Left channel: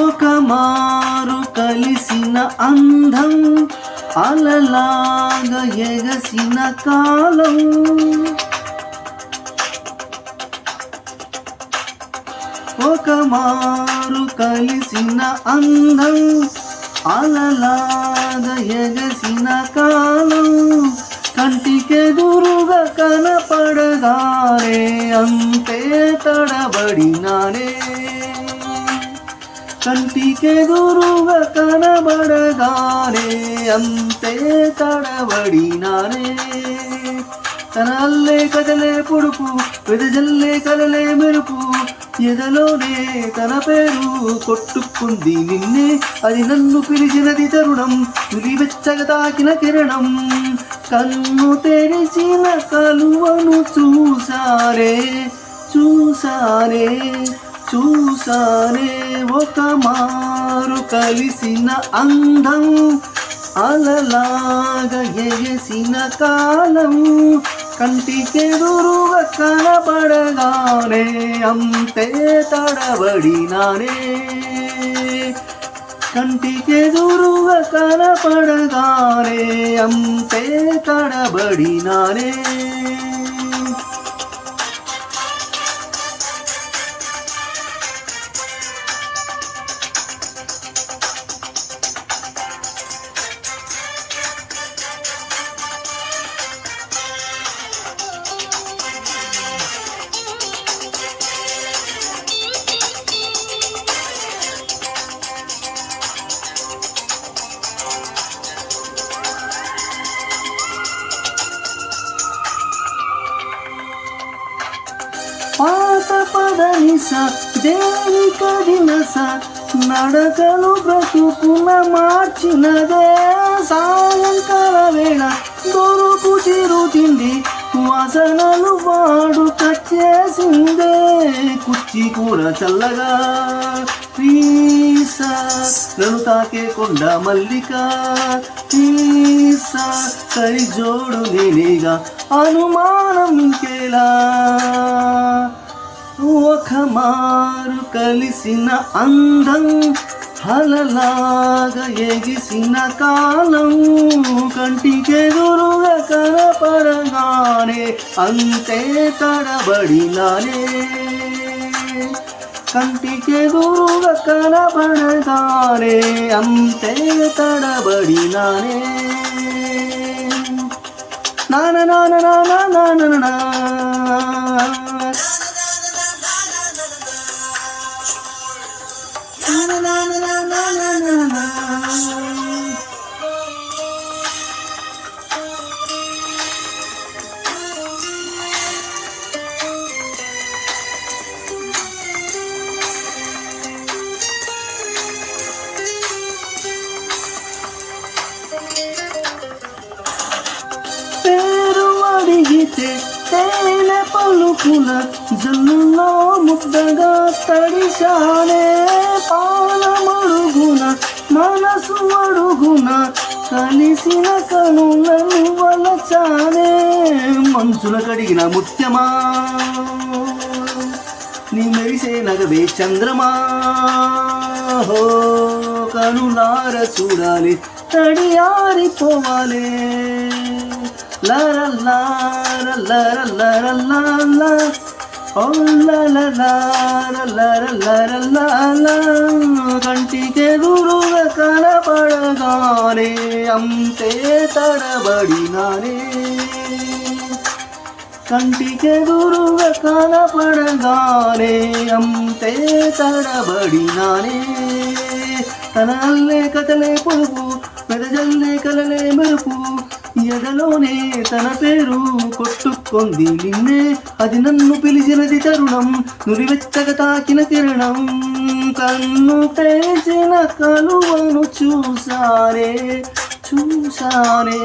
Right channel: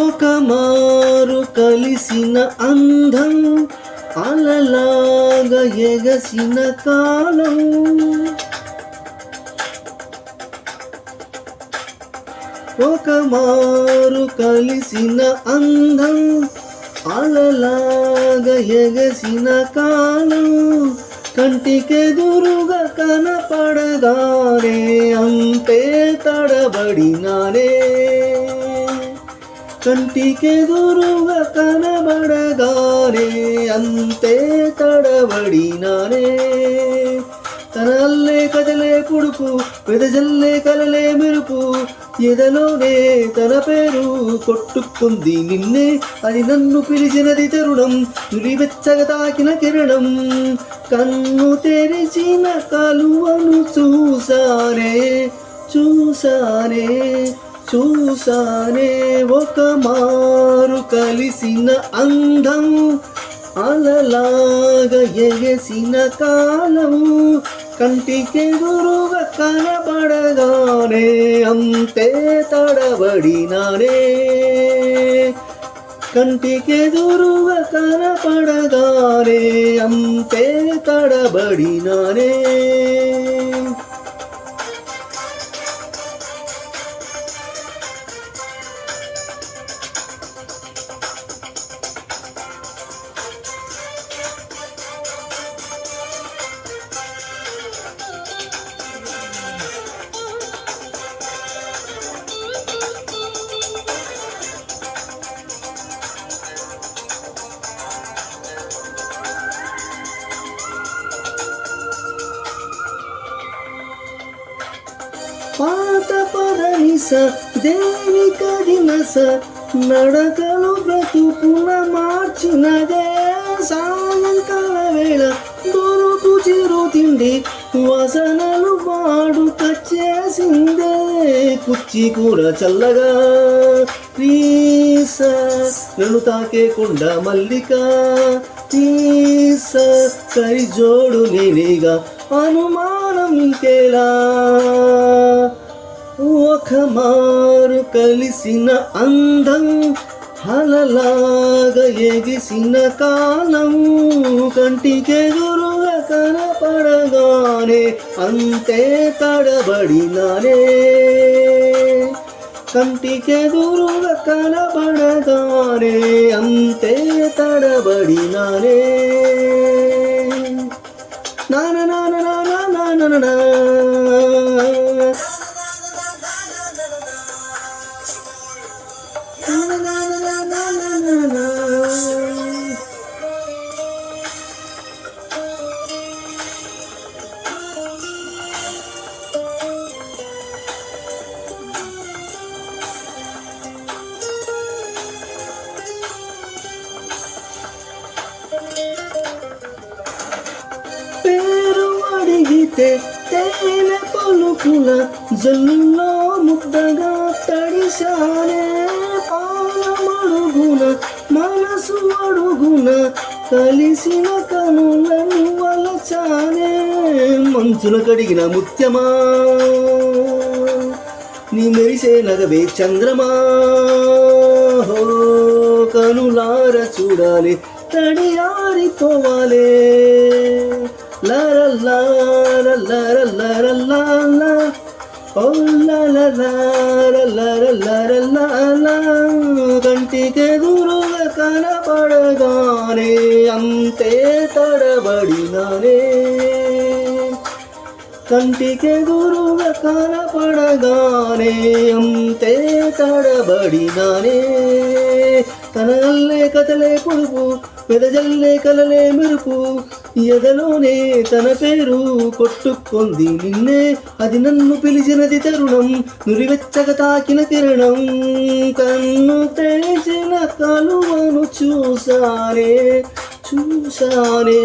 ఒక మారు కలిసిన అందం అలలాగా ఎగసిన కాలం, ఒక మారు కలిసిన అందం అలలాగా ఎగసిన కాలం, కంటికెదురుగా కనపడగానే అంతే తడబడినానే, కంటికెదురుగా కనబడగానే అంతే తడబడినానే. తన అల్లే కదలే పుడుపు, వెదజల్లే కలలే మెరుపు, ఎదలోనే తన పేరు కొట్టుకుంది నిన్నే, అది నన్ను పిలిచినది తరుణం, వెచ్చగా తాకిన కిరణం, కన్ను తెరిచిన కలువను చూసానే చూసానే చూసానే. ఒక మారు కలిసిన అందం అలలాగా ఎగసిన కాలం, కంటికెదురుగా కనబడగానే అంతే తడబడినానే, కంటికెదురుగా కనపడగానే అంతే తడబడినానే. పాత పదనిస దేవి కడినస నడకలు బ్రతుకున మార్చినదే, సాయంకాల వేళ దొరుకు చిరు తిండి వాసనలు వాడుక చేసిందే, కుచ్చి కూర చల్లగా తీస నన్ను తాకే కొండ మల్లిక తీస సరి జోడు నేనేగా అనుమానం ఇంకేలా. ఒక మారు కలిసిన అందం అలలాగా ఎగిసిన కాలం, కంటికెదురుగా కనపడగానే అంతే తడబడినానే, కంటికెదురుగా కనపడగానే అంతే తడబడినానే. నాన నాన నాన నాన నా పేరు అడిగితే తేనె పలుకుల జల్లులో ముద్దగా తడిశానే, పాలమడుగున మనసు అడుగున కలిసిన కనులను వలచానే, మంచుల కడిగిన ముత్యమా నీ మెరిసే నగవే చంద్రమా, హో కనులార చూడాలి తడియారిపోవాలే, లారల్లారల్లారల్లారల్లా ఓ లారల్లారల్లారల్లారల్లా, కంటికెదురుగా కనపడగానే అంతే తడబడినానే, కంటికెదురుగా కనపడగానే అంతే తడబడినానే. తన అల్లే కథలే పొడుపు, వెదజల్లే కలలే మెరుపు, ఎదలోనే తన పేరు కొట్టుకుంది నిన్నే, అది నన్ను పిలిచినది తరుణం, నురివెచ్చగా తాకిన కిరణం, కన్ను తెరిచిన కలువను చూసానే చూసానే